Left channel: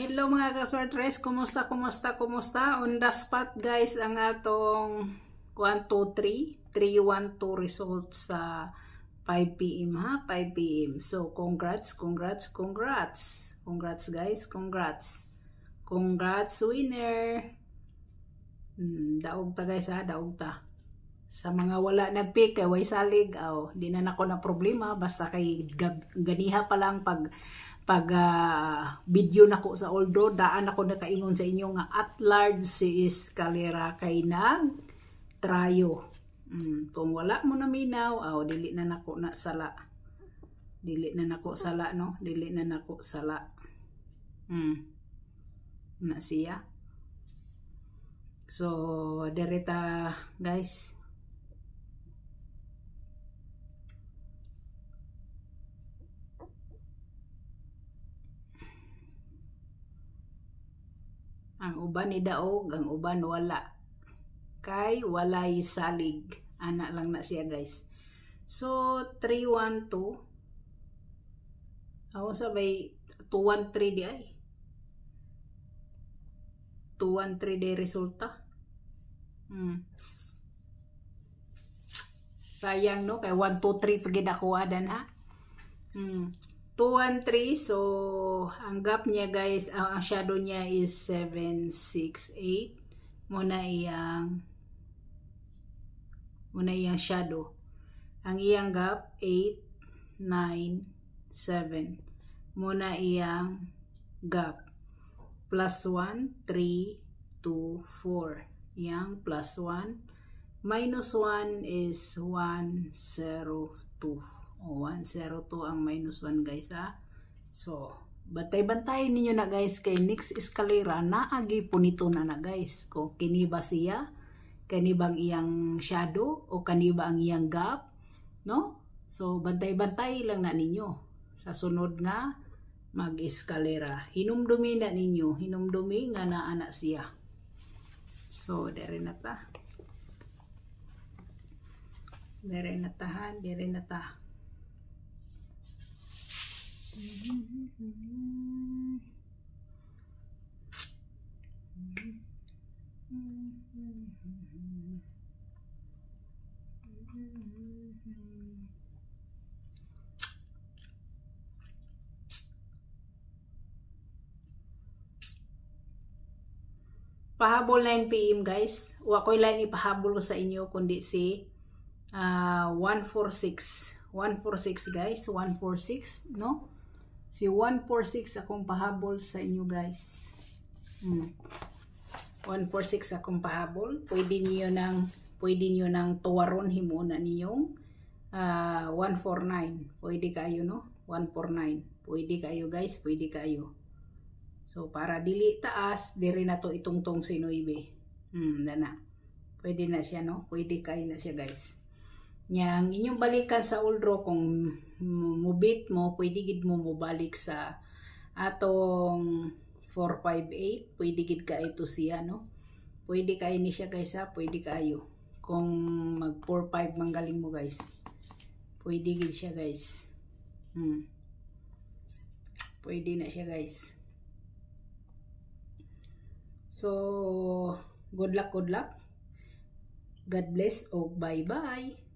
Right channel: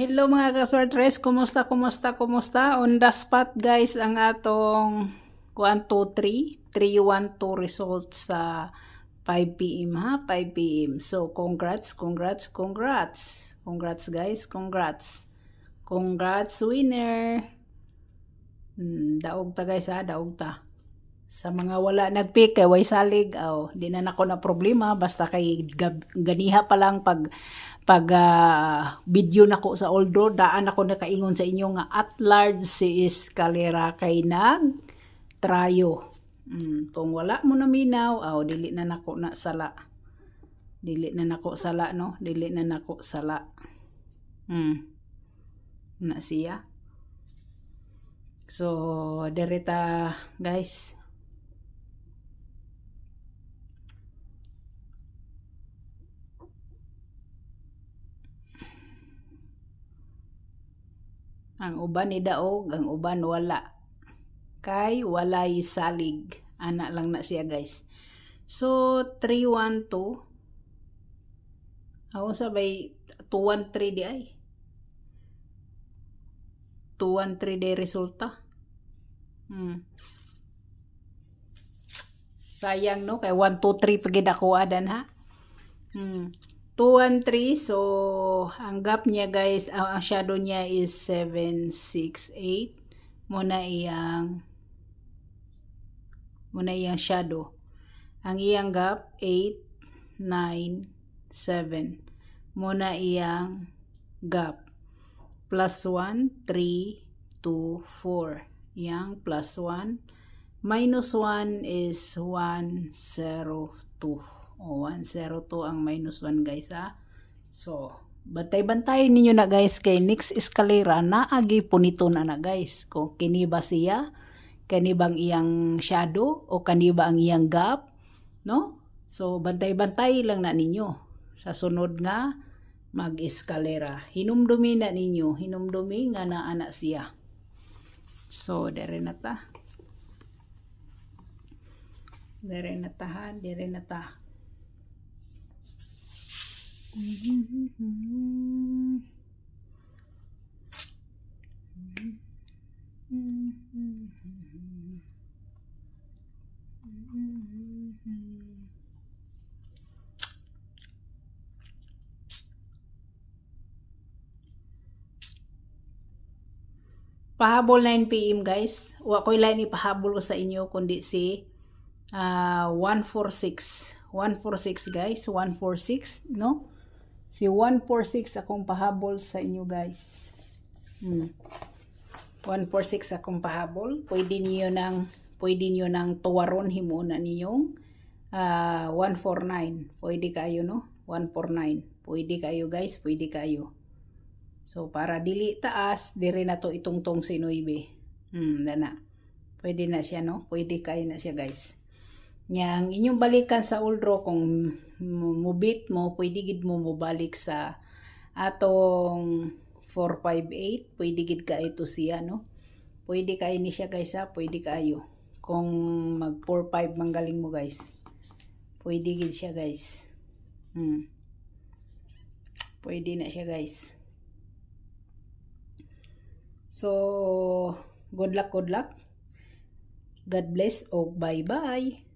Hello mga kaswartres, kumusta? On the spot guys ang atong 1, 2, 3, 3, 1, 2 results sa 5 p.m. ha, 5 p.m. So congrats guys, congrats winner. Daog ta guys ha, daog ta. Sa mga wala nagpick kay way salig, di na nako na problema basta kay ganiha pa lang pag video nako sa Oldro, daan ako nakaingon sa inyo nga at large si Escalera kay nag trayo. Kung wala mo na minaw, dili na nako na sala. Dili na nako sala no, dili na nako sala. Na siya. So, direta guys. Ang uban ni daog, ang uban wala. Kay walay salig. Ana lang na siya guys. So 312. Ako sabay 213 di ay. 213 di resulta. Sayang no, kay 1 2 3 pagid ako adan ha. 2 1 3, so ang gap niya guys, ang shadow niya is 7 6 8. Muna iyang shadow. Ang iyang gap 8 9 7. Muna iyang gap plus 1 3 2 4. Yang plus 1 minus 1 is 1 0 2. 102 ang minus 1 guys ha. So, bantay-bantay ninyo na guys kay next Escalera na agi punito na guys. Kung kini ba siya, kani bang iyang shadow o kani ba ang iyang gap, no? So, bantay-bantay lang na ninyo. Sa sunod nga mag-Escalera. Hinumdumi na ninyo, hinumdumi nga na ana siya. So, dire na ta. Dire na ta. Pahabol 9 p.m. guys. Wa ko'y lain ipahabol sa inyo kundi si 146. 146 guys, 146 no? Si 146 akong pahabol sa inyo guys. 146 akong pahabol. Pwede niyo nang tuwaron himuon niyong 149. Pwede kayo no? 149. Pwede kayo guys, pwede kayo. So para dili taas, dire na to itungtong si 9. Dana. Pwede na siya no? Pwede kayo na siya guys. Yang inyong balikan sa Oldro kung mubit mo, pwede gid mo mubalik sa atong 458, pwede gid ka ito siya no. Pwede kayo ni siya guys ha, pwede kayo. Kung mag 45 manggaling mo guys. Pwede gid siya guys. Pwede na siya guys. So, good luck. God bless o bye-bye.